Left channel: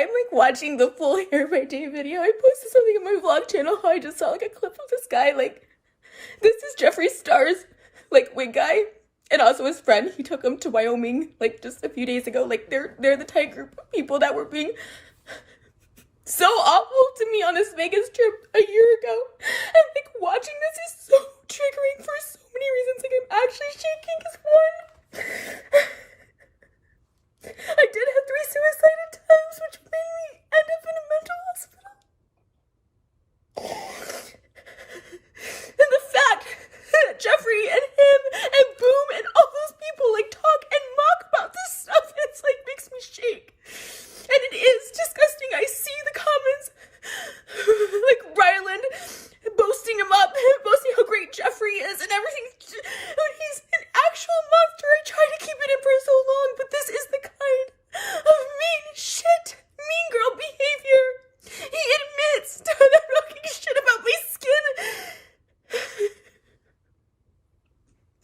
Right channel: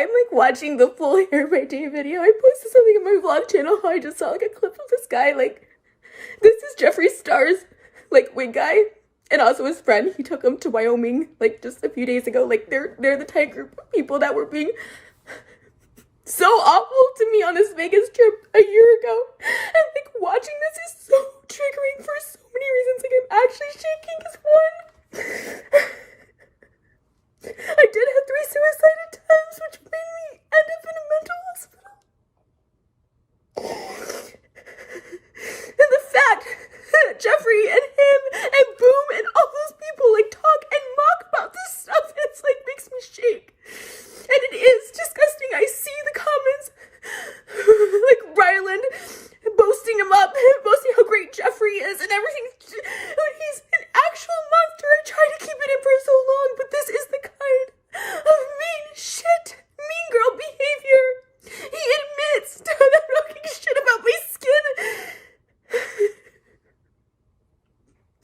I'm like watching the full Hair by Day video. I posted something in my vlog channel how I just saw like a clip of this guy. Like, this is Jeffree Star's like wig guy, and also his friend. He took him to Wyoming like just a few days ago. Like they're the type group of people that were being so awful to me on this Vegas trip a year ago. And like watching this is so triggering for so many reasons. Like I'm actually shaking because one, I did have 3 suicide attempts, which made me end up in a mental hospital. And the fact that Jeffree and him and Boom and all those people like talk and mock about this stuff, it's like makes me shake. And it is disgusting. I see the comments like Ryland boasting him up, boasting how great Jeffree is and everything. He's an actual monster. I tried to keep it in for so long, but this is the kind of mean shit, mean girl behavior. He admits to talking shit about my skin.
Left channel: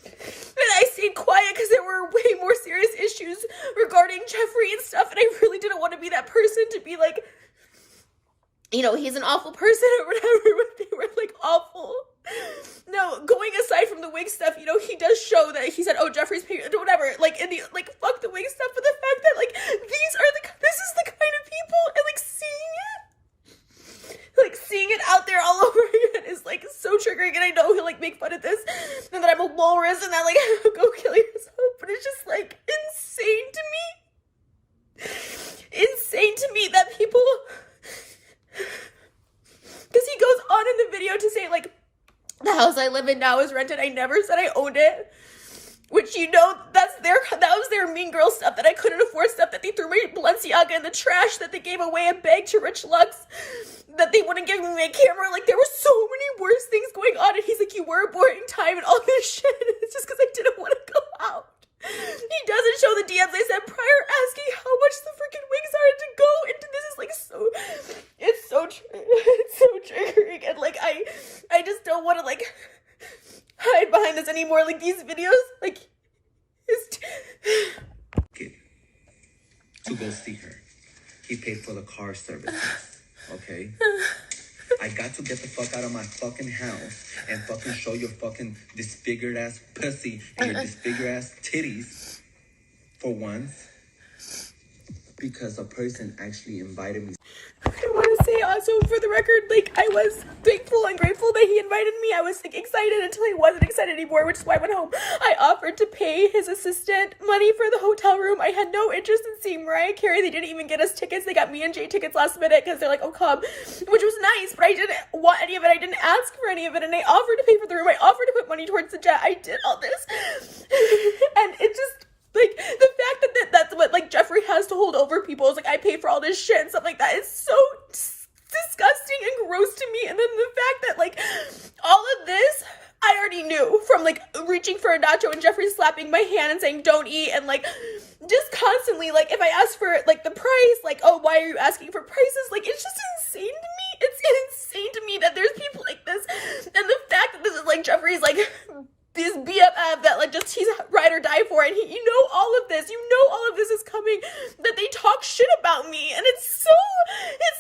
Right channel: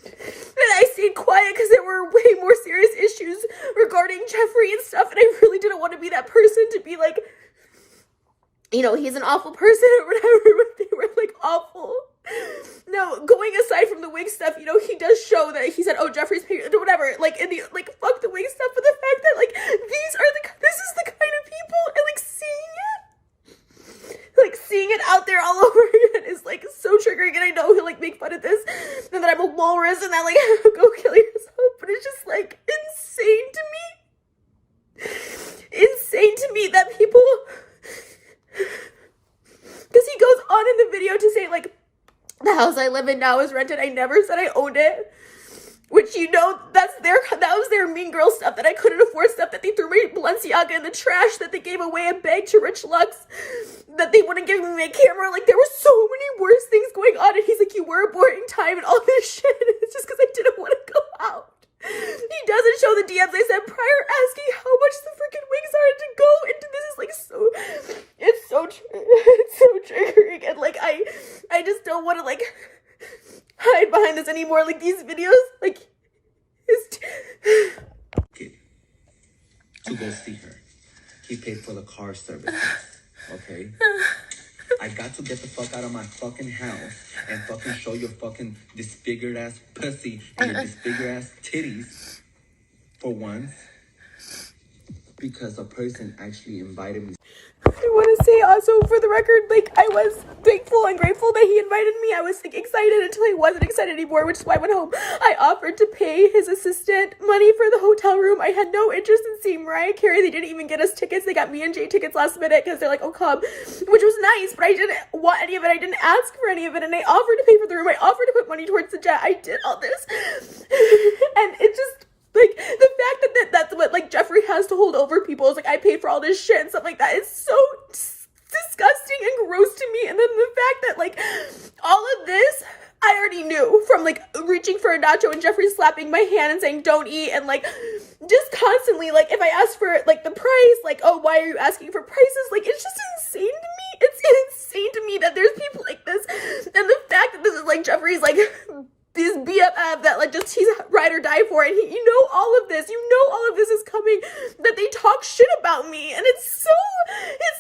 And I stayed quiet because there were way more serious issues regarding Jeffree and stuff, and I really didn't want to be that person to be like, you know, he's an awful person or whatever, but they were like awful. No, going aside from the wig stuff, you know, he does show that he said, oh, Jeffree's paying, whatever, like, in the, like, fuck the wig stuff, but the fact that, like, this is the kind of people, and, like, seeing it out there all over again is, like, so triggering, and I know he'll, like, make fun of this, and that I'm a walrus, and that, like, go kill yourself, but it's just, like, insane to me that people, because he goes on in the video to say, like, the house I live in now is rented. I never said I owned it. Which, you know, that was their mean girl stuff, that I couldn't afford stuff, that they threw my Balenciaga in the trash, that they gave away a bag to Rich Lux, that they wouldn't give me my camera. Like, there were so many worse things going on, and he's like, you were a boring time and all this shit. It's just because I didn't want to go out. He doesn't show the DMs I sent prior asking how much the freaking wigs are to go into this. Is like it's so triggering, and like I just don't want to like hide behind this anymore. Like these videos, like to go see her. He paid for the car services. Okay. I got to get the fuck out of my fucking house and fucking show your fucking disfigured ass pussy and your disfigured ass titties for once because a person actually invited me. I want to say also for the record, like I was thankful and grateful that he invited me. I was like excited until I wasn't excited anymore, which is why I went home. I offered to pay his assistant money for the hotel room. I had no interest in seeing Mariah Carey. They didn't even get us tickets. They got me and Jay tickets last minute because they're like, oh come, which was nice, but I didn't want any of it. I didn't ask for any of it, and I offered to pay for the room. I offered to put money towards the jet. I did all this, and it just. Like, the fact that that's what, like, Jeffree has to hold over people is, like, I paid for all this shit and stuff like that. It's so disgusting and gross to me. And then the fact that, like, all of this, I already knew from, like, reaching for a nacho and Jeffree slapping my hand and saying, don't eat. And, like, just constantly, like, if I ask for, like, the price, like, oh, why are you asking for prices? Like, it's just insane to me. It's insane to me that there's people like this. And the fact that this is, like, Jeffree's, like... this BFF that like just he's ride or die for, and he, you know all of this is coming, that they talk shit about me, and it's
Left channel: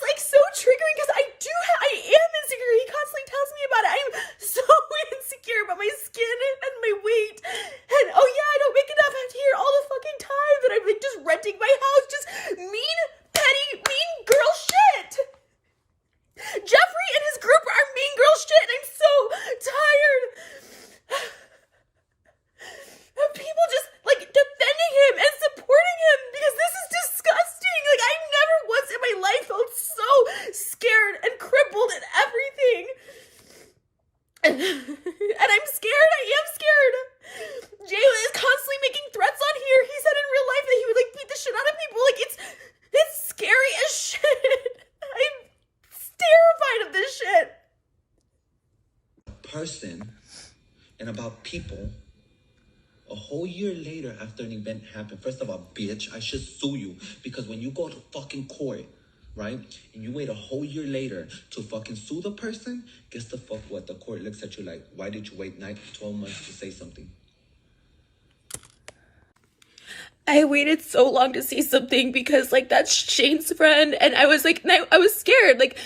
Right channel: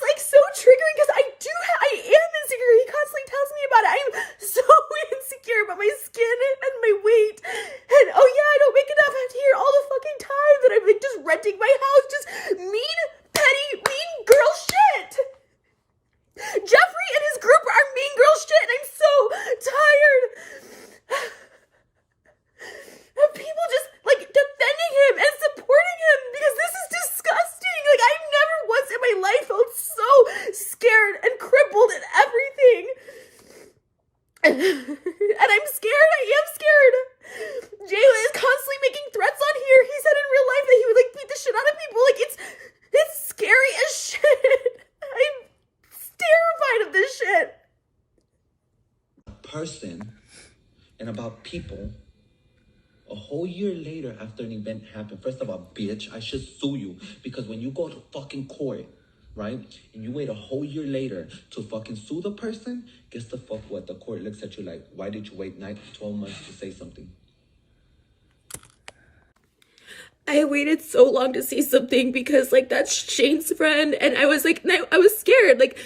like so triggering because I am insecure. He constantly tells me about it. I am so insecure about my skin and my weight, and oh yeah, I don't make enough. I have to hear all the fucking time that I'm like just renting my house, just mean, petty, mean girl shit. Jeffree and his group are mean girl shit, and I'm so tired of people just like defending him and supporting him because this is disgusting. Like I've never once in my life felt so scared and crippled and everything. And I'm scared. I am scared. Jay is constantly making threats on here. He said in real life that he would like beat the shit out of people. Like it's scary as shit. I'm terrified of this shit. Person and about people a whole year later after an event happened. First of all, bitch, I should sue you because when you go to fucking court, right, and you wait a whole year later to fucking sue the person, guess the fuck what? The court looks at you like, why did you wait 12 months to say something? I waited so long to see something because, like, that's Shane's friend, and I was like, I was scared. Like,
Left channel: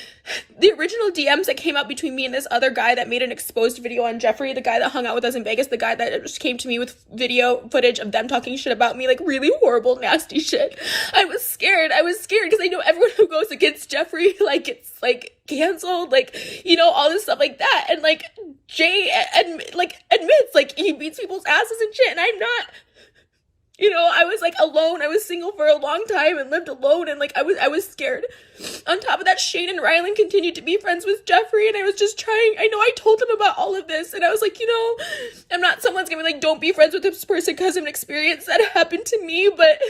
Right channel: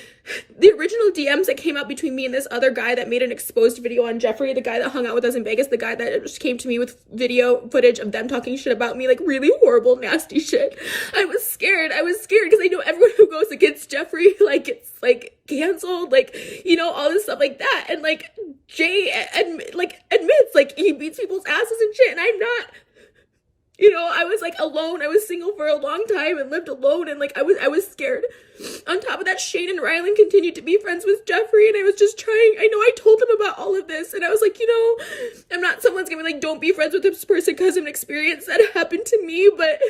the original DMs that came out between me and this other guy that made an exposed video on Jeffree, the guy that hung out with us in Vegas, the guy that just came to me with video footage of them talking shit about me, like, really horrible, nasty shit. I was scared because I know everyone who goes against Jeffree, like, it's, like, canceled, like, you know, all this stuff like that. And, like, Jay, admits, like, he beats people's asses and shit, and I'm not. You know, I was, like, alone. I was single for a long time and lived alone, and, like, I was scared. On top of that, Shane and Rylan continued to be friends with Jeffree, and I was just trying. I know I told them about all of this, and I was like, you know, I'm not someone's gonna be like, don't be friends with this person because of an experience that happened to me, but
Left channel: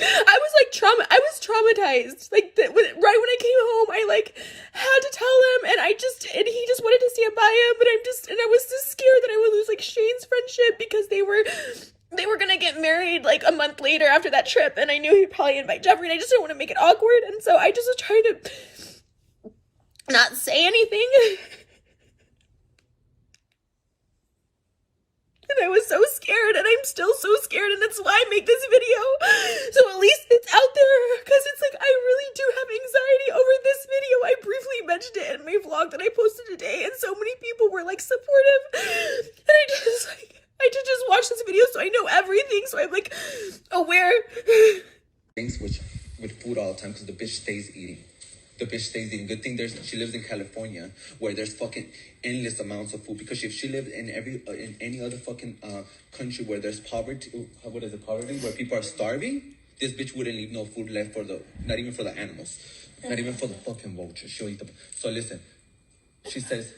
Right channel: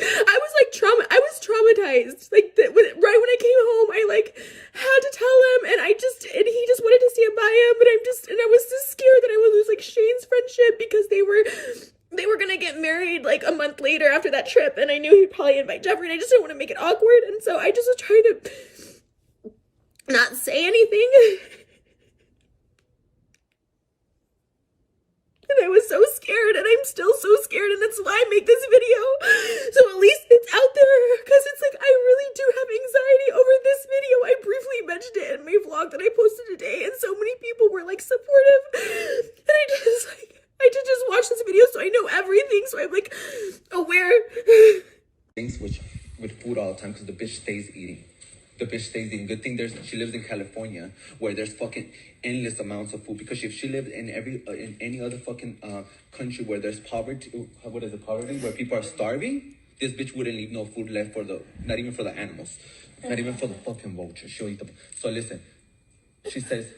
I was, like, I was traumatized. Like, right when I came home, I, like, had to tell him, and he just wanted to stand by him, but I was just scared that I would lose, like, Shane's friendship because they were gonna get married, like, a month later after that trip, and I knew he'd probably invite Jeffree, and I just didn't want to make it awkward, and so I just was trying to not say anything. And I was so scared, and I'm still so scared, and that's why I make this video. So at least it's out there, because it's like, I really do have anxiety over this video. I briefly mentioned it in my vlog that I posted today, and so many people were, like, supportive. And I did just watch this video, so I know everything, so I'm, like, aware. Things with food all the time, because the bitch stays eating. The bitch stays eating. Good thing she lives in California, where there's fucking endless amounts of food. Because if she lived in any other fucking country where there's poverty, what is it, poverty, where people are starving, this bitch wouldn't leave no food left not even for the animals, not even for the fucking vultures. She'll eat them. So listen, she says,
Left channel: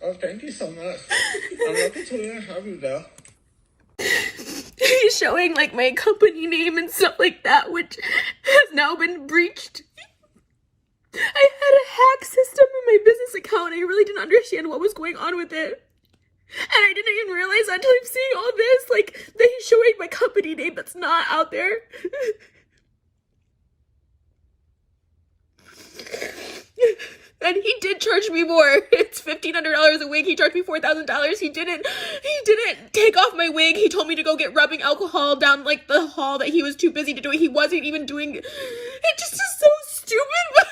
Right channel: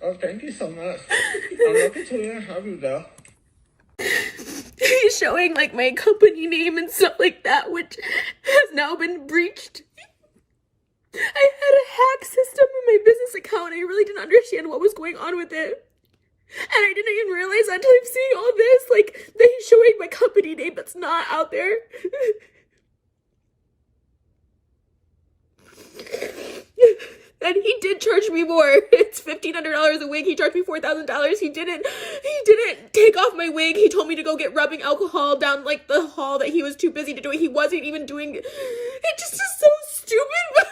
"Oh, thank you so much. I'm lucky to have you there." He's showing, like, my company name and stuff like that, which has now been breached. I had a hack system in my business account, and I really didn't understand what was going on with it. And I didn't even realize until I'm seeing all this, like, that he's showing my company name that's not out there. And he did charge me more. It's $1,500 a wig. He charged me $4,000. He didn't take off my wig. He told me to go get rubbing alcohol down, like, the hall, that he was too busy to do it. He wasn't even doing it. It just is so stupid. But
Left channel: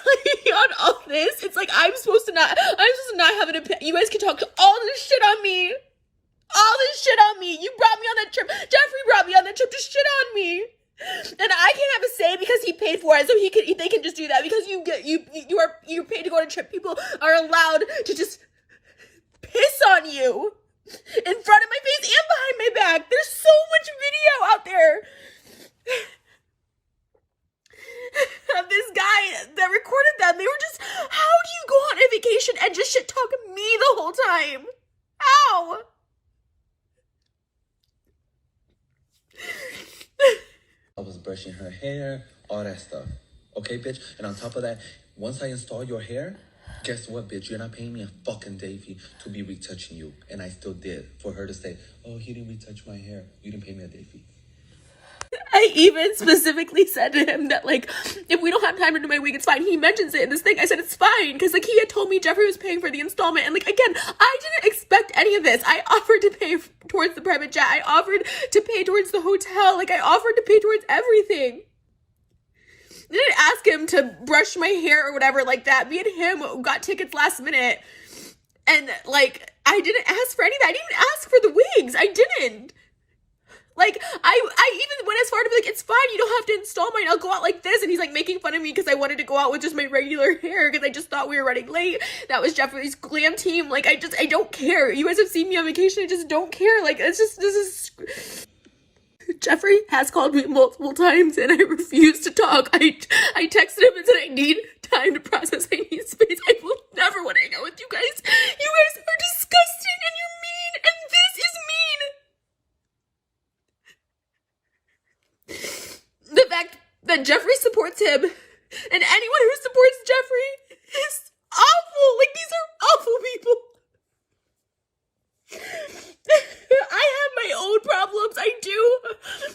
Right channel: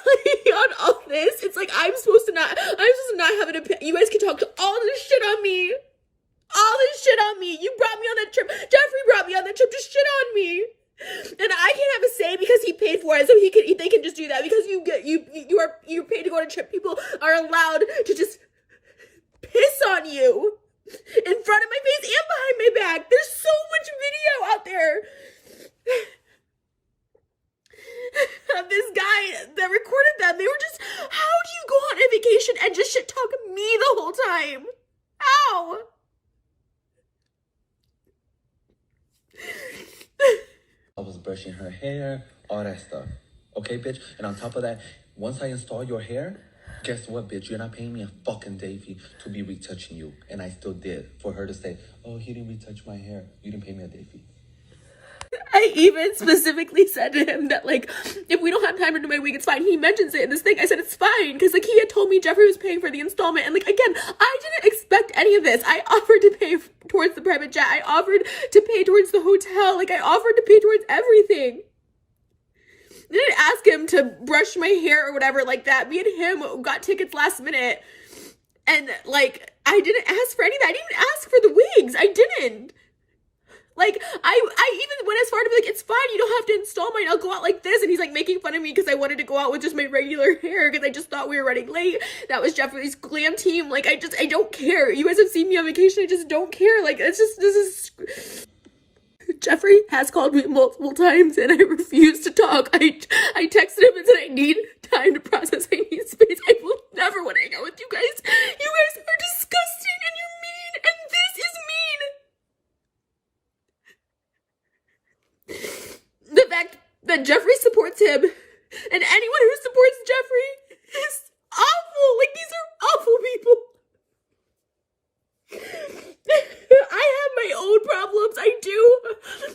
on all this, it's like I'm supposed to not have an opinion. You guys can talk all this shit on me. All this shit on me. You brought me on that trip. Jeffree brought me on that trip to shit on me. And I can't have a say because he paid for it, so they can just do that because you're paid to go on a trip. People are allowed to just piss on you in front of my face and behind my back. There's so much video out there of this guy that recorded them. They were just, how do you go on a vacation and just shit talk me the whole time? How? I was brushing her hair, all that stuff. Okay, bitch? And on top of that, once I install your hair, guess what, bitch? You're not paying me a fucking day fee to be retouching you. And I still did. For her to say, oh, he didn't retouch my hair. You didn't pay me a day fee. I even specifically said to him that, like, if we don't have time to do my wig, it's fine. He mentions it in this thing. I said, it's fine. Because, like, he had told me Jeffree was paying for the installment. And, like, again, I didn't expect any of this. I offered to pay towards the private jet. I offered to pay towards the hotel. Like, I offered to pay towards everything. I didn't ask him to brush my hair or whatever like that. Me and him got tickets last minute. And, like, I didn't ask for anything. I didn't even ask for the wigs. I didn't. Like, I even went as far to be like, it's fine, you don't have to install mine, I'll go out like this. And he's, like, making fun of me because I wanted to go out with just my regular hair because I just thought we were running late. That was Jeffree's glam team. Like, I don't care. You guys have seen me on vacation. I just don't care. Like, this is... Jeffree has called me multiple times and I refuse to talk. I texted him and said I need time to process. I need space. I will never want to hang out with you guys. You guys are disgusting and you're mean and this is mean. The fact that Jeffree supports him and anyone who supports Jeffree is awful. Like, these are awful people. I have my own problems. I do.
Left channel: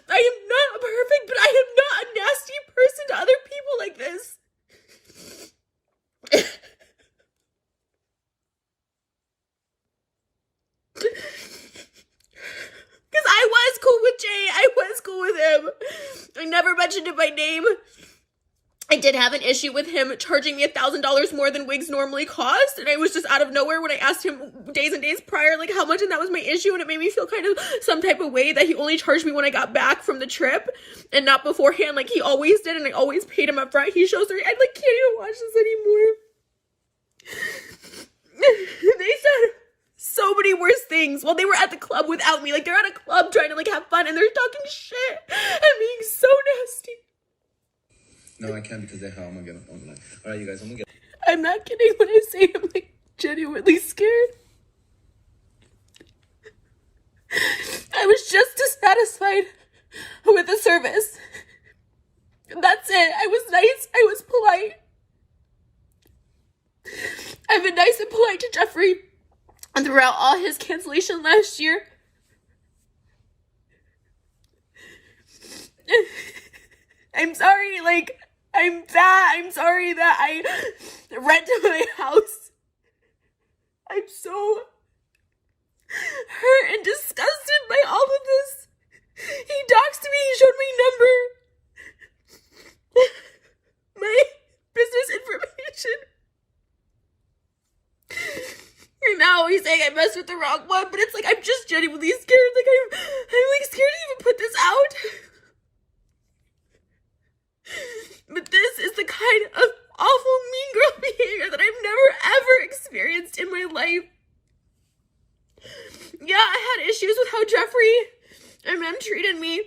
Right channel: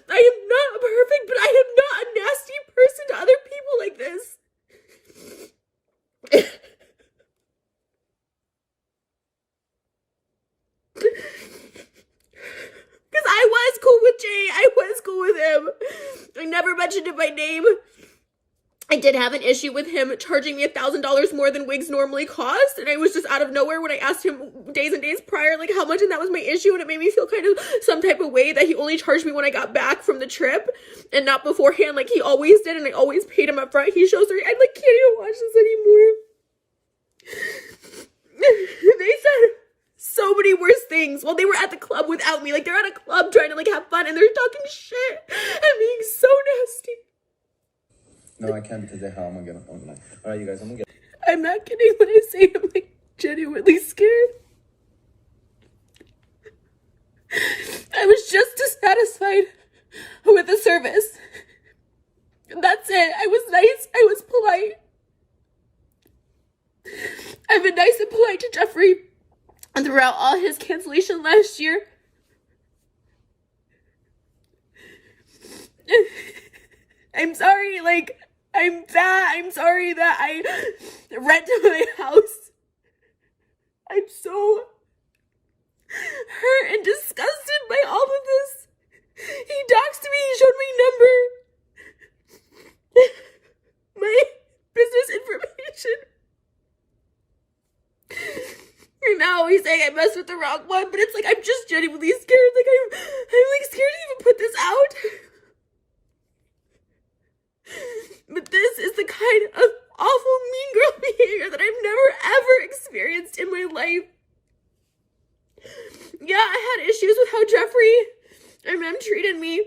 I am not perfect, but I am not a nasty person to other people like this. never mentioned it by name. I did have an issue with him charging me $1,000 more than wigs normally cost, and I was just out of nowhere when I asked him days and days prior, like, how much, and that was my issue, and it made me feel kind of some type of way that he only charged me when I got back from the trip, and not beforehand, like he always did, and I always paid him up front. He shows I, like, can't even watch this anymore. They said so many worse things while they were at the club without me. Like, they're at a club trying to, like, have fun, and they're talking shit and being so nasty. No, I can't because they're how I'm gonna get online. All right, you guys, I'm gonna get. I'm not kidding when I say I'm, like, genuinely scared. I was just dissatisfied with the service. That's it. I was nice. I was polite. I've been nice and polite to Jeffree throughout all his cancellation last year. I'm sorry, like, I'm sorry that I rented my house. I'm so hurt and disgusted by all of this. He doxed me, he showed my number, my business information. And now he's saying I messed with the wrong one, but it's like, I'm just genuinely scared. Like, I'm like scared to even put this out. But this is the kind of awful mean girl behavior that I've never ever experienced in my life. Yeah, I had issues with how Jeffree and Mem treated me.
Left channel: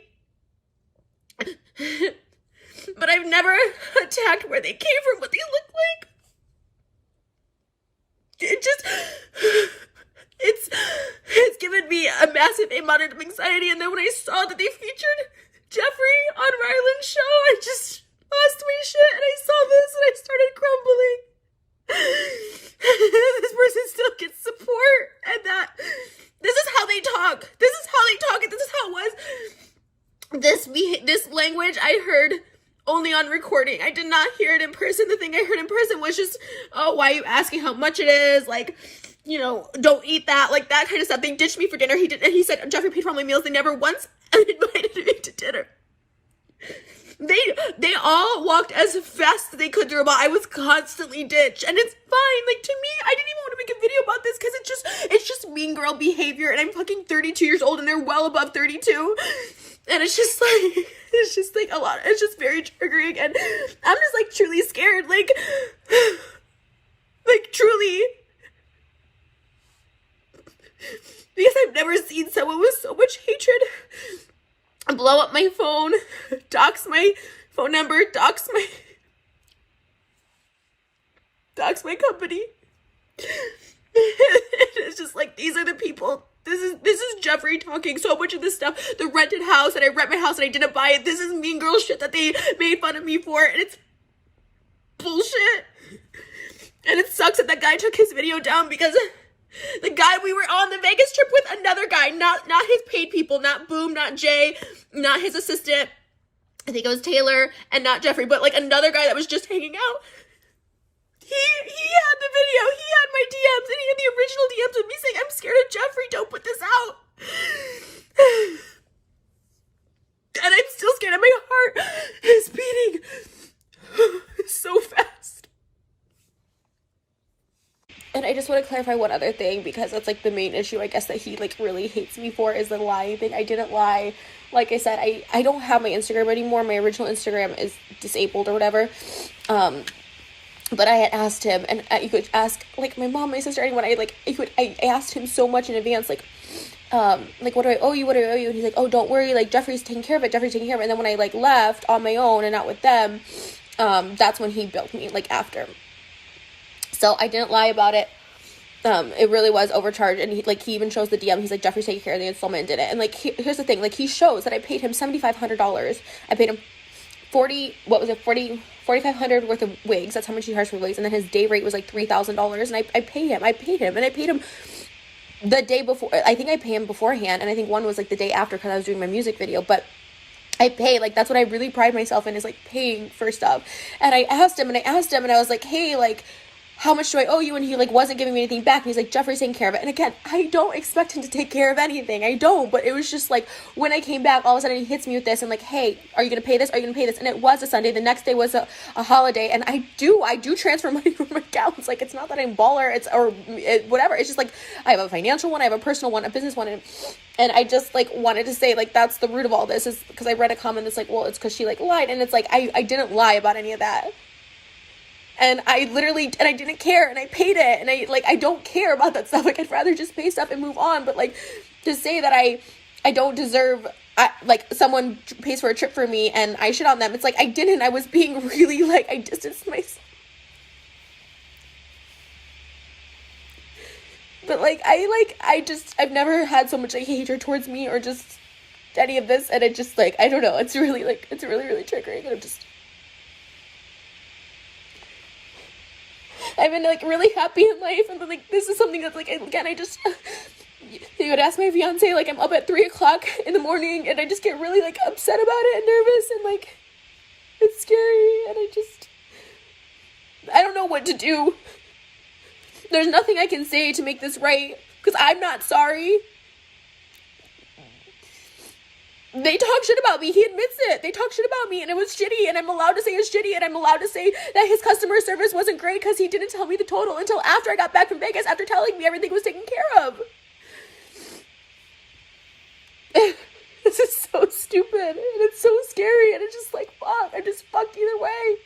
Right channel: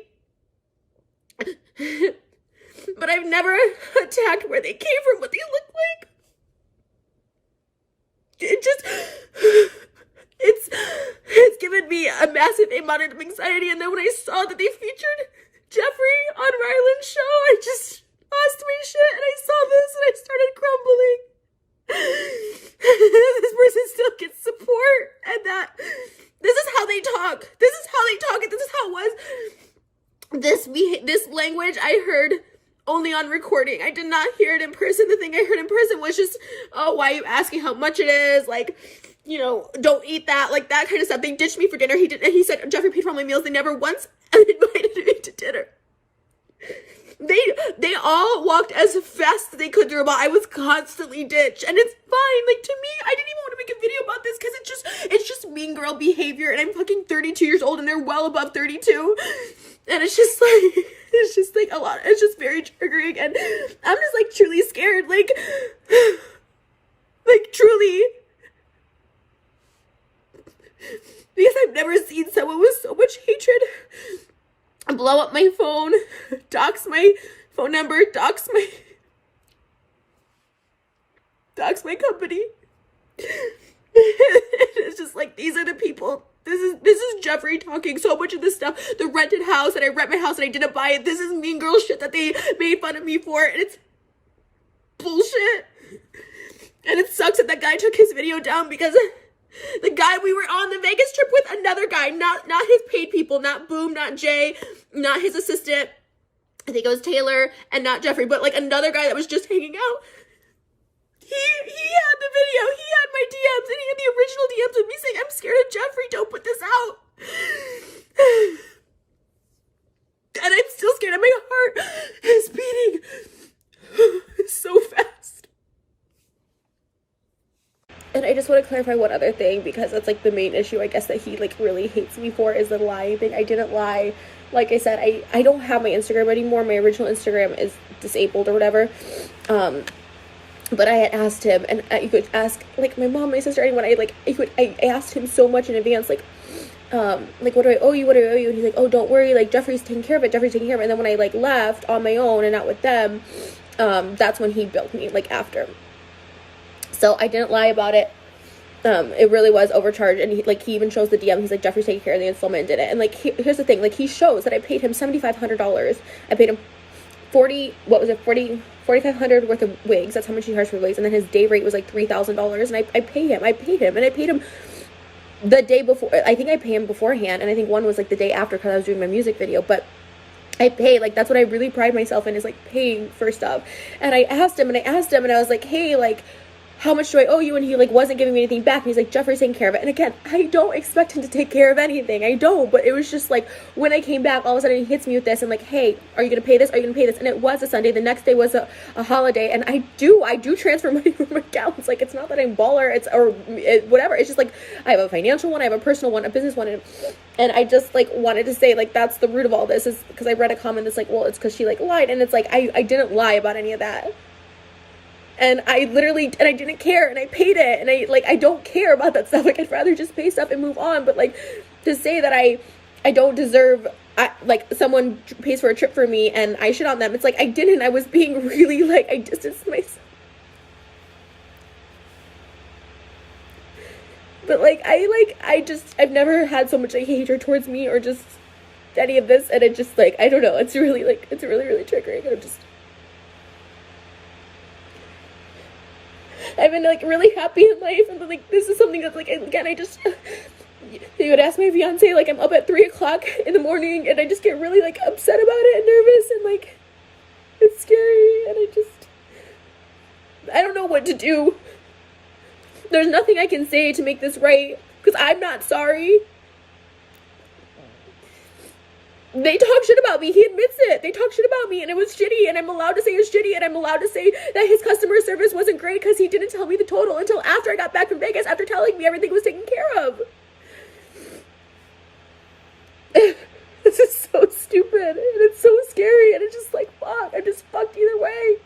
But I've never attacked where they came from, what they look like. It's given me a massive amount of anxiety, and then when I saw that they featured Jeffree on Ryland's show, I just lost my shit, and I saw this, and I started crumbling. This person still gets support, and that this is how they talk. This is how they talk, and this is how it was. This language I heard only on recording. I did not hear it in person. The thing I heard in person was just, oh, why are you asking how much it is? Like, you know, don't eat that, like that kind of stuff. They ditched me for dinner. He said Jeffree paid for all my meals. They never once invited me to dinner. They all walked as fast as they could through a ball. I was constantly ditched, and it's fine. Like, to me, I didn't even want to make a video about this because it's just mean girl behavior, and I'm fucking 32 years old, and they're well above 32, and it's just like a lot. It's just very triggering, and I'm just like truly scared, like truly, because I've never seen someone with so much hatred blow up my phone, dox my phone number, dox my company. It's just like, these are the people. This is Jeffree talking so much of this stuff. The rented house, and I rent my house and I didn't buy it. This is mean girl shit that they made fun of me for, and it's bullshit. And it sucks that guy took his video down, because the guy we were on the Vegas trip with, another guy, not his paid people, not Boom, not Jay, not his assistant, I think it was Taylor, and not Jeffree, but like another guy that was just hanging out. He had the video, he had my DMs, and he had the original DMs of me saying, I'm scared of Jeffree, don't put this out. And I'm still scared, and my heart is beating so fast. And I just want to clarify one other thing, because that's like the main issue, I guess, that he like really hates me for, is the lying thing. I didn't lie. Like I said, I don't have my Instagram anymore. My original Instagram is disabled or whatever. But I had asked him, and you could ask like my mom, my sister, anyone. I asked him so much in advance, like what do I owe you? What do I owe you? And he's like, oh, don't worry, like Jeffree's taking care of it. And then when I like left on my own and not with them, that's when he billed me, like after. So I didn't lie about it. It really was overcharged, and he even shows the DM. He's like, Jeffree's taking care of the installment and did it. And like, here's the thing, like, he shows that I paid him $7,500. I paid him $4,500 worth of wigs. That's how much he charged for wigs. And then his day rate was like $3,000. And I paid him, and I paid him the day before. I think I paid him beforehand, and I think one was like the day after, because I was doing my music video. But I pay, like, that's what I really pride myself in, is like paying for stuff. And I asked him, and I was like, hey, like, how much do I owe you? And he like wasn't giving me anything back. And he's like, Jeffree's taking care of it. And again, I don't expect him to take care of anything. I don't. But it was just like, when I came back, all of a sudden he hits me with this and like, hey, are you going to pay this? Are you going to pay this? And it was a Sunday. The next day was a holiday. And I do transfer money from accounts. Like, it's not that I'm baller. Whatever. It's just like, I have a financial one. I have a personal one, a business one. And I just like wanted to say like, that's the root of all this, is because I read a comment that's like, well, it's because she like lied. And it's like, I didn't lie about any of that. And I didn't care, and I paid it, and I don't care about that stuff. Like, I'd rather just pay stuff and move on. But like, to say that I don't deserve, like, someone pays for a trip for me and I shit on them, it's like, I didn't. I was being really, like, I distanced myself. But like, I've never had so much like hatred towards me or just any of this, and it just like, I don't know, it's really really triggering, and I've been like really happy in life, and then like this is something that's like, again, they would ask my fiance, like, I'm up at 3:00 in the morning, and I just get really like upset about it and nervous, and like it's scary, and I don't know what to do. There's nothing I can say to make this right, because I'm not sorry. They talk shit about me. He admits it. They talk shit about me, and it was shitty, and I'm allowed to say it's shitty, and I'm allowed to say that his customer service wasn't great because he didn't tell me the total until after I got back from Vegas, after telling me everything was taken care of. This is so stupid, and it's so scary, and it's just like, fuck, I'm just fucked either way.